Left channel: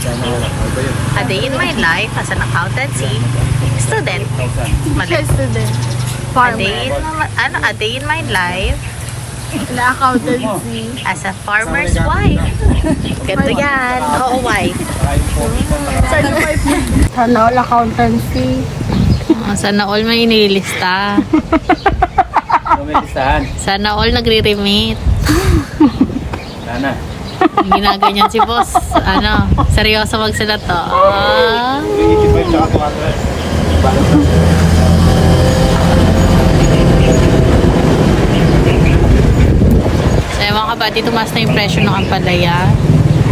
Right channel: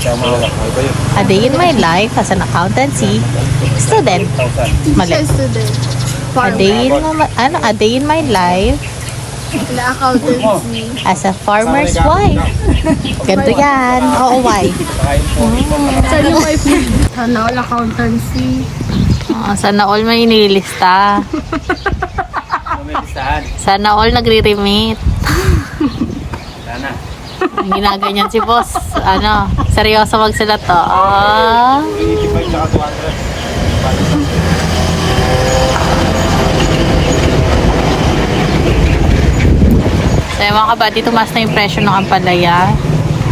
A day in my life as an accountancy student. Mali. Student. A day in my life Na accountancy. as a farmer's wife. Ganito yan. Oo, wife. Ano, accountancy. Sana all may inilista. Listahan. Sana all nagre-remit. Sana. Ginaganyan si boss. Ano, seryoso magsulat to. 85 tsaka 200. Balance lang. Kaya mga kabady, tumaas na yung presyo ng ampalaya.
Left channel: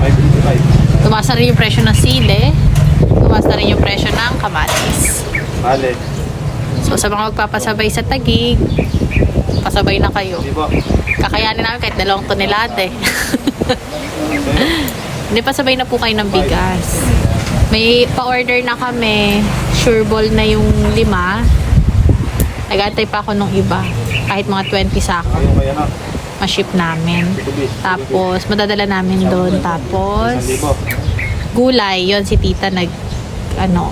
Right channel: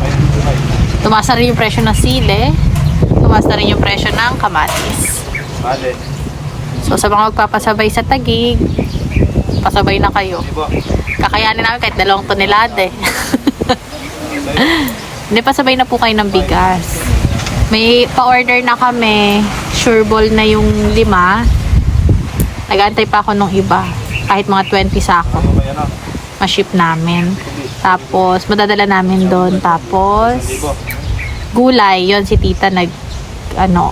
555. Tumaas na rin yung presyo ng sile. Tumaas na rin yung presyo ng kamatis. Bale. So sa mga magpapasabay sa Taguig, pasabay na kayo. Hindi po. Kakayanin namin kahit 2 tonelada. Hindi, pasabay na po kayo ng bigas. May pa-order na kami. Sure ball na yung 5. Nag-antay pa ako nung iba. Kahit mga 20 sako. Ayaw kaya na. Ma-ship namin. Tapos, madadala namin doon. Tapos, 1,000. gulay. Yon si tita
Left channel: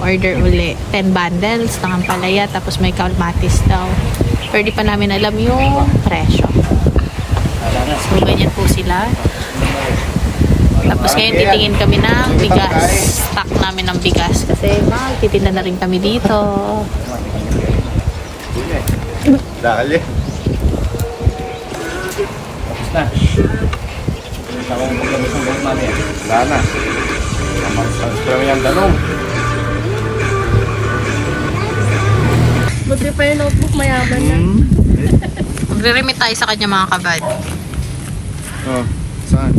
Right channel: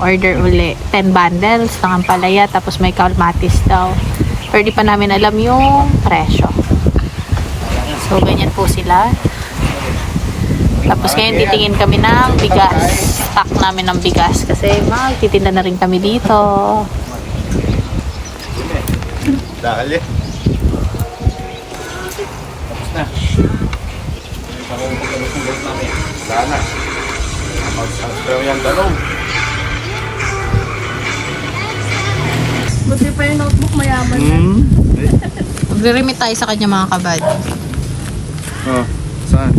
order uli. 10 bundles ng ampalaya. Tapos may kalmatis daw. Pero di pa namin alam yung presyo. So, ganyan po sila. Tapos ngayon titingin kami ng bigas. Stock namin ng bigas. Kasi titinda na rin kami dito. Dahil yan. Tapos na. Hindi ako paglabas ng gawin namin yan. Wala na. Mag-transfer mo yung dalong. Buti pa yung notebook mayaman. Magre-remit tayo sa kanya mga kabad. Oh, saan?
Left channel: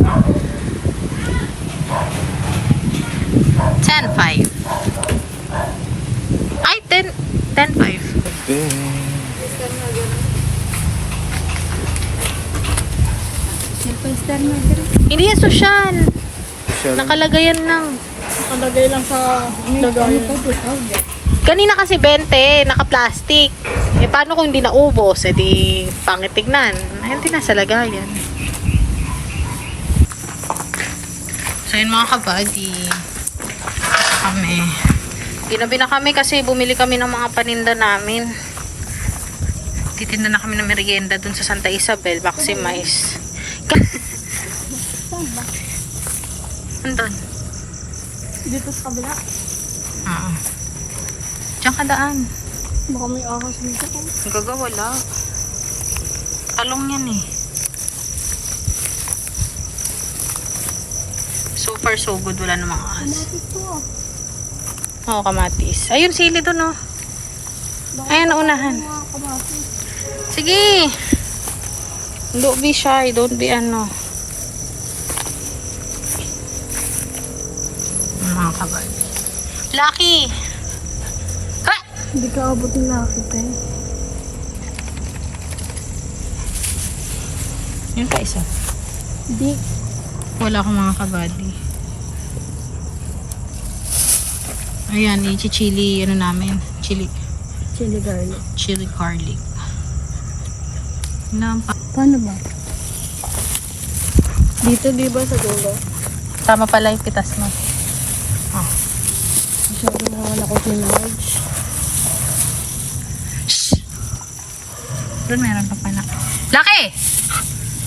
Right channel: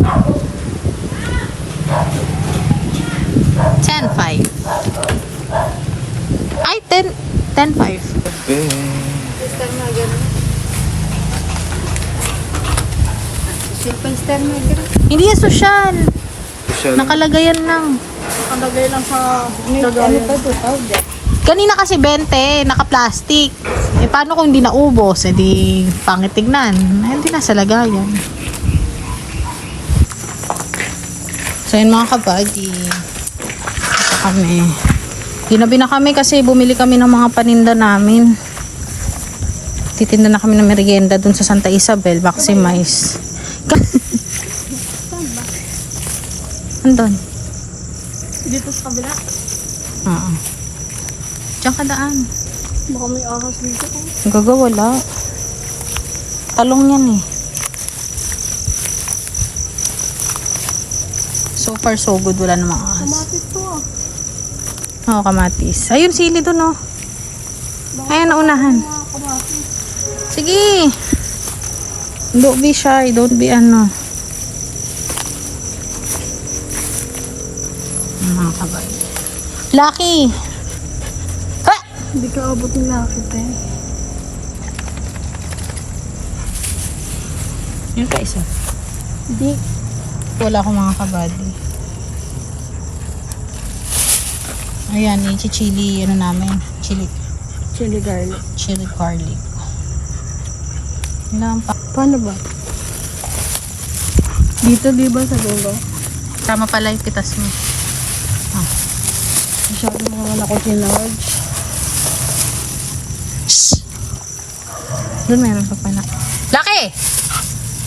10.5. Ay, 10.5. Star na gano'n. Simple star na gano'n. Hindi yan social. Social. Nakalagay yan lang. Nakalagay lang sa... Ano pa ito? Powder. Kanina kasi 20, naka-plastic. Eh, paano kung hindi naubos? Eh, di pangit tignan. Ay, hindi nasa lagayan. So, yun mga kabady. Kami. Ginabi na kami kasi bumili kami ng mga paninda namin. Titinda na kami ng merienda dun sa Santa Isabel, Maximize. Andun. Dito sa kabila. Oo. Diyan ka daan. Baka may awas dito ko. Gagawala. Talong yan eh. So far so good. Wala namang ahas. Kumapit to ah. Oo, kamatis. Ayun, sili dun oh. Ayan, unahan. Mga kamatis. Sige. Don't be shy. Don't be ano. Mga kabay. Lucky! Ha! Hindi ka abot ng lakit eh. Yun pa isa. Hindi. Wala akong mga kabady. Ayan, i-chili, ano namin. Chili Chili garlic. Ilan pa? Paano ba? Dito di ba sa dulo? Tama pala yung pitas mo. Oh. Masyado naman ako sinarge. Doon meron pa pala. Laki!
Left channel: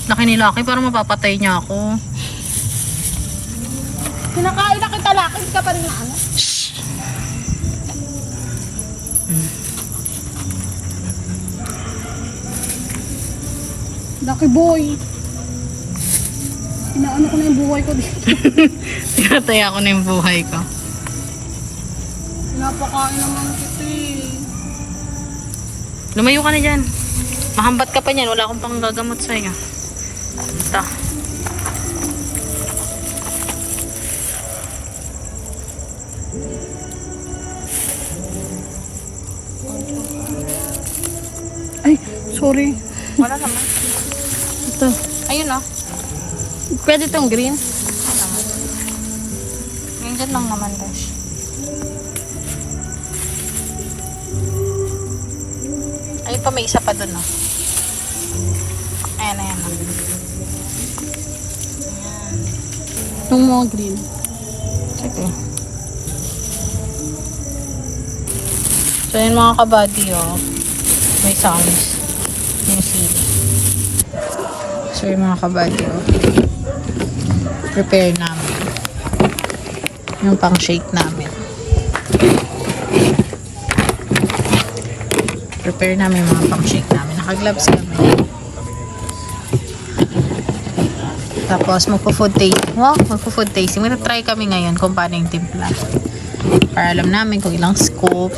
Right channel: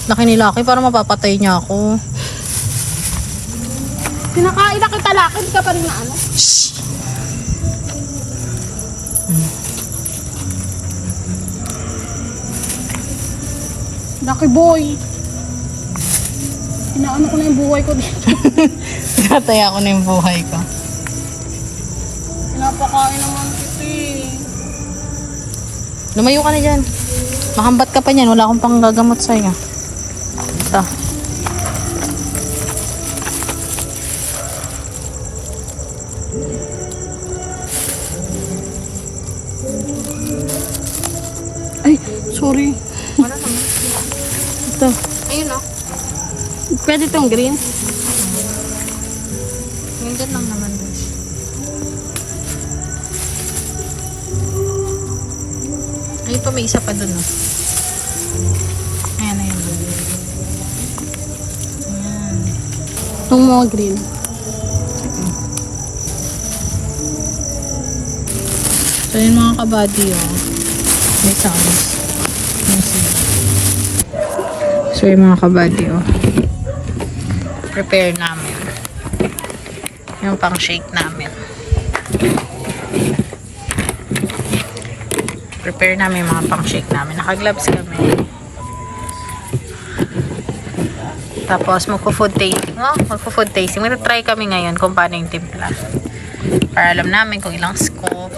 Laki ni Laki para mapapatay niya ako. Kinakain na kita lakit ka pa rin na ano? Lucky boy. Inaano ko na yung buhay ko dito. Nataya ko na yung buhay ko. Pinapakain naman kita eh. Lumayo ka na dyan. Mahambat ka pa niyan. Wala akong pang gagamot sa'yo. Ito. Ay, sorry. Wala naman. Ito. Ayun oh. Pwede itong green? Ganyan lang naman daw. Ayun pa, may isa pa dun oh. Ayan, ayan. Ayan. Itong mga green. Sige. So yun mga kabady, oh. May sounds. Music. So yun mga kabady, oh. Prepare namin. Yung pang shake namin. Prepare namin yung mga pang shake namin. Naka-gloves kami. Tapos magpo-food tasting. Oh, magpo-food tasting. Magta-try kami ngayon kung paano yung timpla. Para alam namin kung ilang scoop.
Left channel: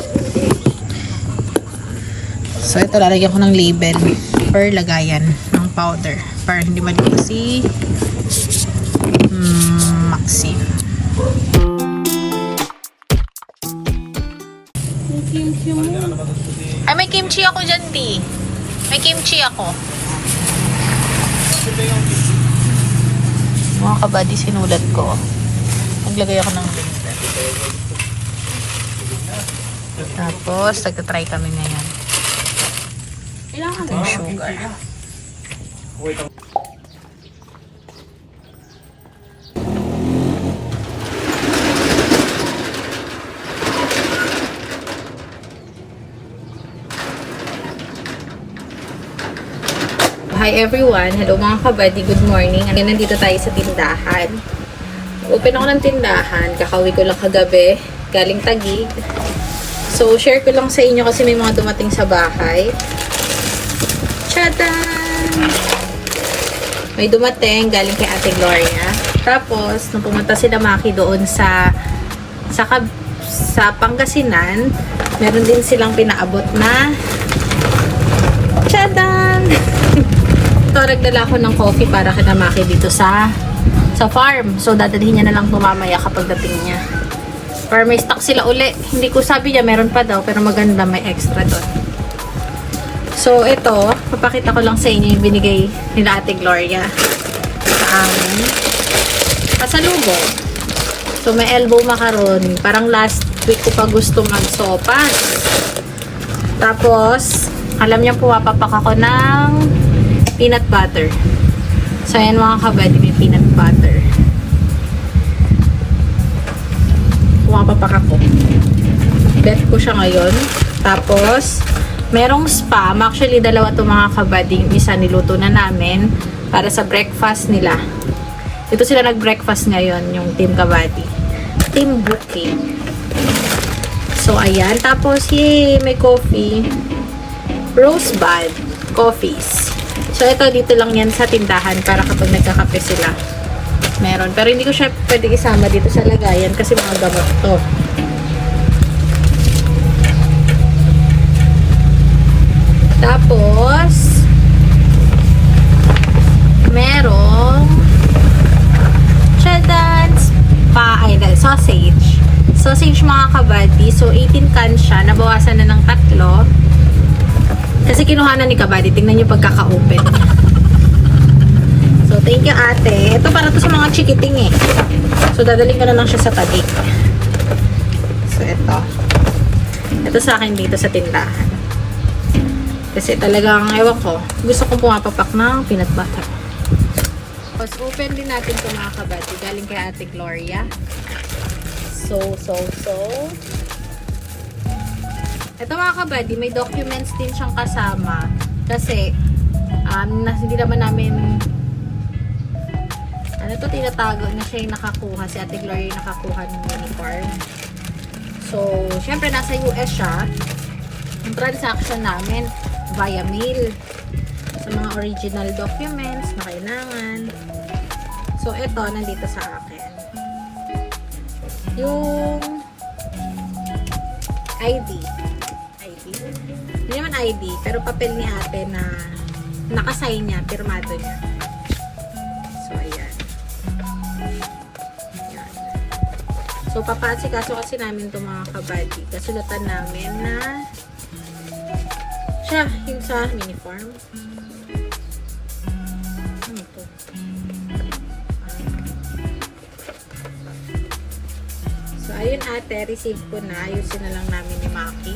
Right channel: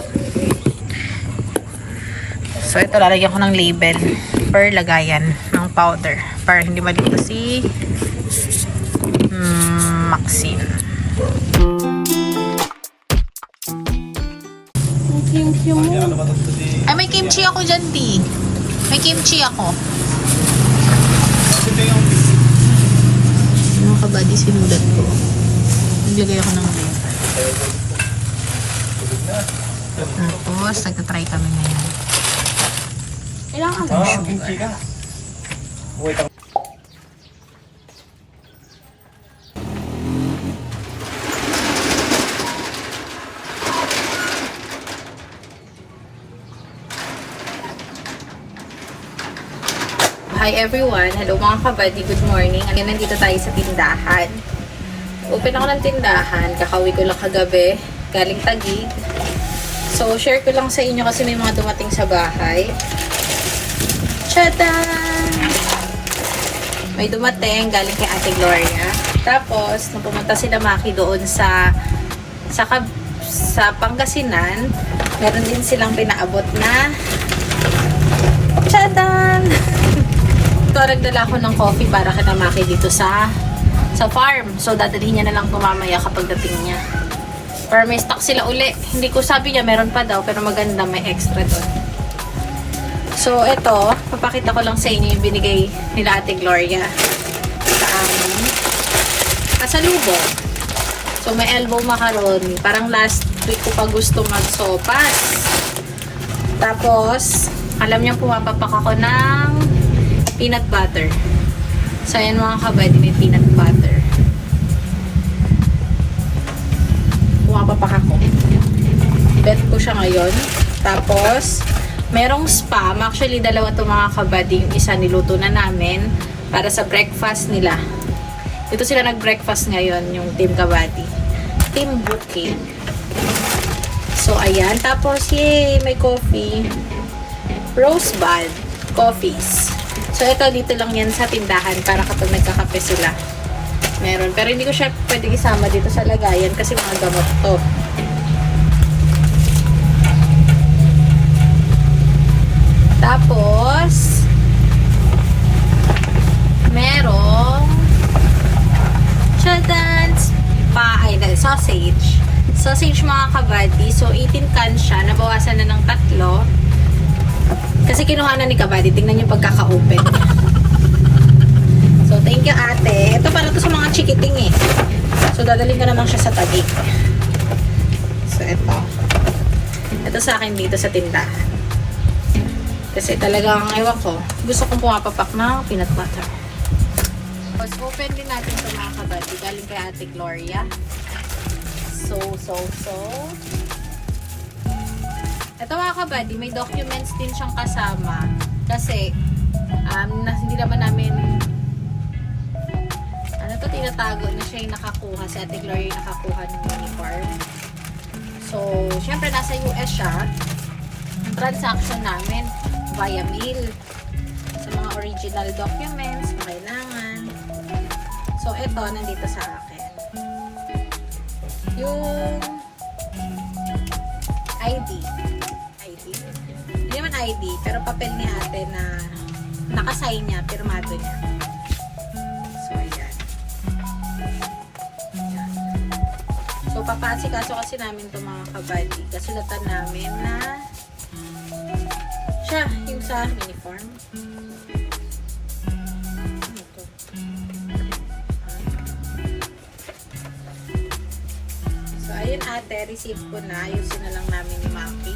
So ito, lalagyan ko ng label per lagayan ng powder. Para hindi malito si Maxine. Ay, may kimchi ako dyan, T. May kimchi ako. Mga kabady, sinulat ko. Maglagay ako ng label. Tapos, nagtatry kami ngayon. Ilangan Ito yung sugar. Hi everyone! Hello mga kabady, good morning. Nandito tayo sa tindahan. Open ako ng tindahan. Kakauwi ko lang kagabi. Galing Taguig. So, share ko lang sa inyo kasi may mga dumating sa bahay. Tchadan! May dumating galing kay Ate Gloria. Tapos, nung pumunta sila Maki doon sa Pangasinan, meron din silang pinaabot na tchadan! Ito, nagdala ko ng coffee para kina Maki dito sa farm. So, dadalhin niya na lang mamaya kapag dating niya. Or may stock sila uli. Hindi ko sabi niya, meron pa daw. Pero maganda, may extra doon. So, ito, papakita ko lang sa inyo yung binigay nila Ate Gloria sa amin. Pasalubong. So, may elbow macaron. Parang last week ko pa gusto mag-sopas. Tapos, alam niyo, pumapapak ako ng peanut butter. So, ayan mga kabady, may peanut butter. Pumapapak ako. Bet ko siya ngayon. Tapos, merong spam. Actually, dalawa to mga kabady. Yung isa niluto na namin para sa breakfast nila. Ito sila nag-breakfast ngayon, yung Team Kabady. Team Bouquet. So, ayan. Tapos, yay, may coffee. Rosebud coffees. So, ito dito lang yan sa tindahan para kapag nagkakape sila. Meron. Pero hindi ko siya pwede isama dito sa lagayan kasi mga gamot to. Tapos, merong sausage. Sausage mga kabady. So, 18 cans siya. Nabawasan na ng 3. Kasi kinuha na ni Kabady. Tingnan niyo pagkaka-open. So, thank you ate. Ito para to sa mga chikiting eh. So, dadalhin ko na lang siya sa tabi. So, ito. Ito sa akin dito sa tindahan. Kasi talagang, ewan ko, gusto kong pumapapak ng peanut butter. Tapos, open din natin ito mga kabady. Galing kay Ate Gloria. So. Ito mga kabady, may documents din siyang kasama. Kasi, hindi naman namin, tinatago na siya yung nakakuha. Si Ate Gloria yung nakakuha ng uniform. So, syempre, nasa US siya. Ang transaction namin, via mail. Sa mga original documents na kailangan. So, ito, nandito sa akin. Yung ID. Hindi naman ID, pero papel ni ate na nakasign niya, pirmado niya. So, ayan. So, papaasikaso kasi namin ito mga kabady. Kasulatan namin na siya, yung sa uniform. Ano to? So, ayun ate, receive ko na. Ayusin na lang namin ni Maki.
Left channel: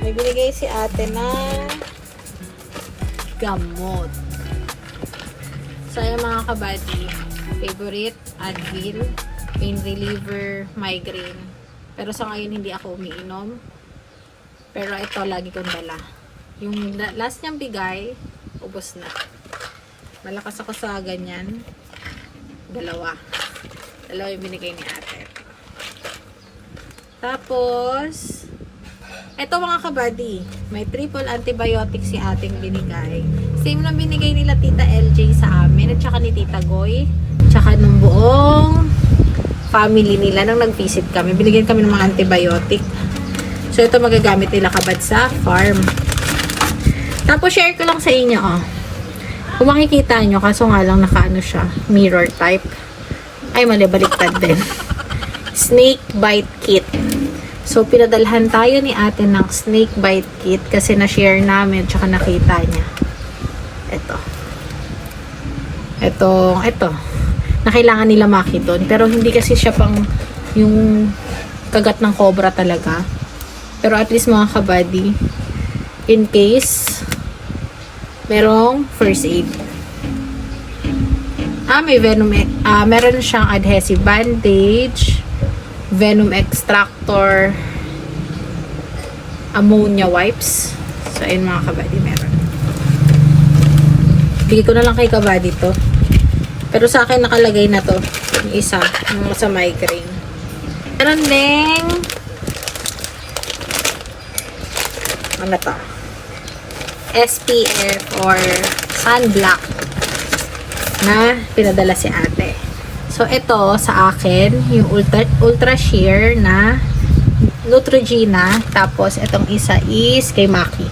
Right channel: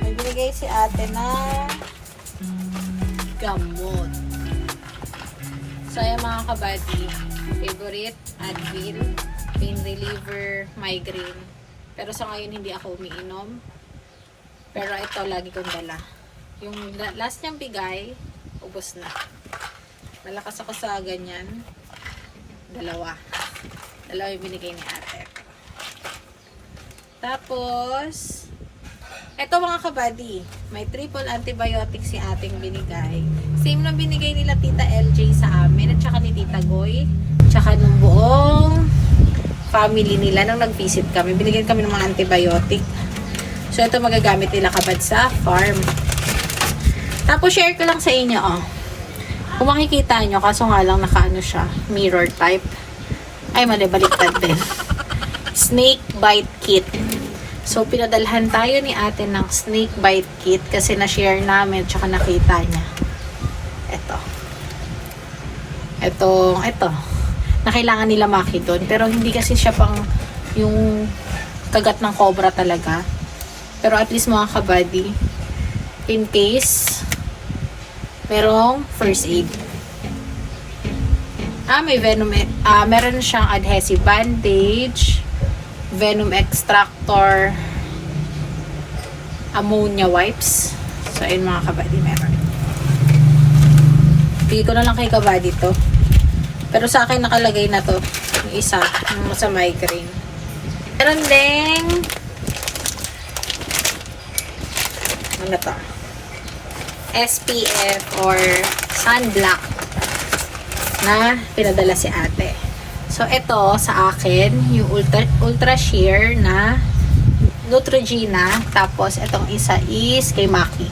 May binigay si ate na gamot. So, ayun mga kabady. Favorite, Advil, pain reliever, migraine. Pero sa ngayon, hindi ako umiinom. Pero ito, lagi kong dala. Yung last niyang bigay, ubos na. Malakas ako sa ganyan. Dalawa yung binigay ni ate. Tapos, ito mga kabady, may triple antibiotic si ating binigay. Same lang binigay nila Tita LJ sa amin, at saka ni Tita Goy, tsaka nung buong family nila nang nag-visit kami. Binigyan kami ng mga antibiotic. So, ito magagamit nila kabad sa farm. Tapos, share ko lang sa inyo, oh. Kung makikita nyo, kaso nga lang nakaano siya, mirror type. Ay, mali, baliktad din. Snake bite kit. So, pinadalhan tayo ni ate ng snake bite kit kasi na-share namin tsaka nakita niya. Ito. Na kailangan nila maki doon. Pero hindi kasi siya pang yung kagat ng cobra talaga. Pero at least mga kabady, in case merong first aid. May venom, meron siyang adhesive bandage, venom extractor, ammonia wipes. So, ayun mga kabady, meron. Bigay ko na lang kay kabady to. Pero sa akin nakalagay na to. Yung isa, yung sa migraine. Meron ding ano to? SPF or sunblock na pinadala si ate. So, ito sa akin, yung ultra sheer na Neutrogena. Tapos, itong isa is kay Maki.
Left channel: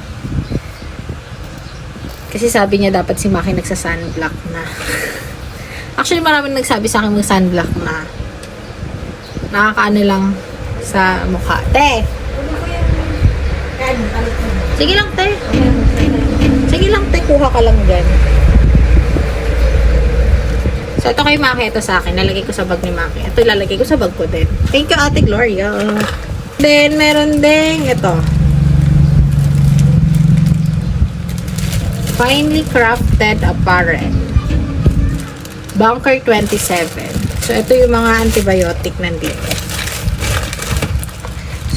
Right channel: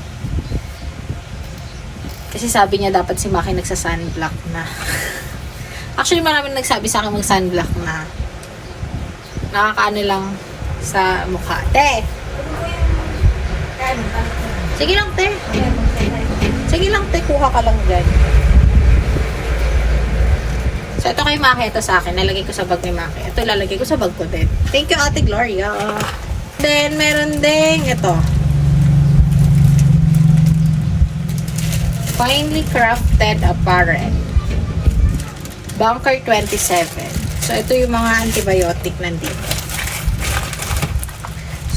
Kasi sabi niya dapat si Maki nagsa-sunblock na. Actually, maraming nagsabi sa akin mag-sunblock na. Nakakaano lang sa mukha. Te! Sige lang, te. Sige lang, te. Kuha ka lang dyan. So, ito kay Maki, ito sa akin. Nalagay ko sa bag ni Maki. Ito lalagay ko sa bag ko din. Thank you, Ate Gloria. Then, meron ding ito. Finely crafted apparel. Bunker 27. So, ito yung mga antibiotic nandito.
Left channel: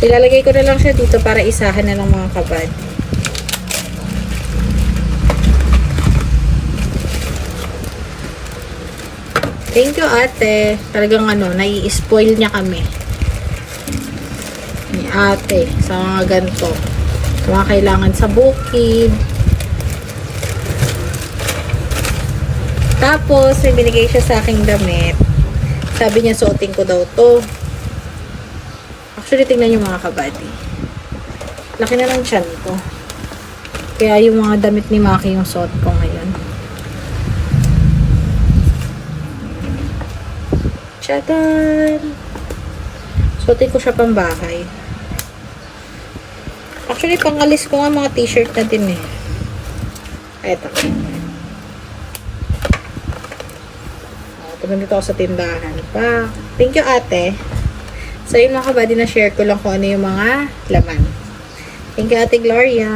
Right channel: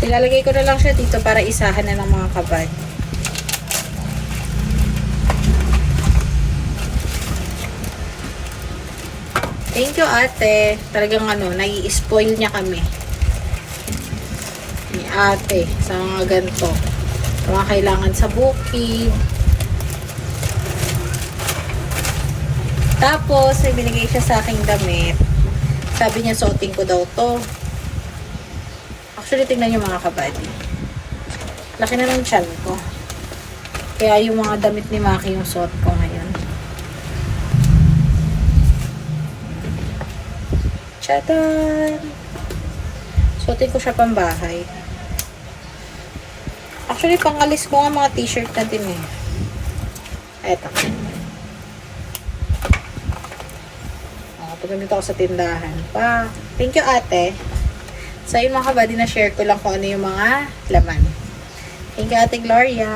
So, ilalagay ko na lang siya dito para isahan na ng mga kabad. Thank you, ate. Talagang nai-spoil niya kami. Ni ate. Sa mga ganito. Sa mga kailangan sa bukid. Tapos, may binigay siya sa aking damit. Sabi niya, suotin ko daw to. Actually, tingnan niyo mga kabady. Laki na ng tiyan ko. Kaya yung mga damit ni Maki yung suot ko ngayon. Tadaan! Suotin ko siya pang bahay. Actually, pangalis ko nga mga t-shirt na din eh. Eto. Pumunta ako sa tindahan pa. Thank you, ate. So, yun mga kabady, na share ko lang kung ano yung mga laman. Thank you, Ate Gloria.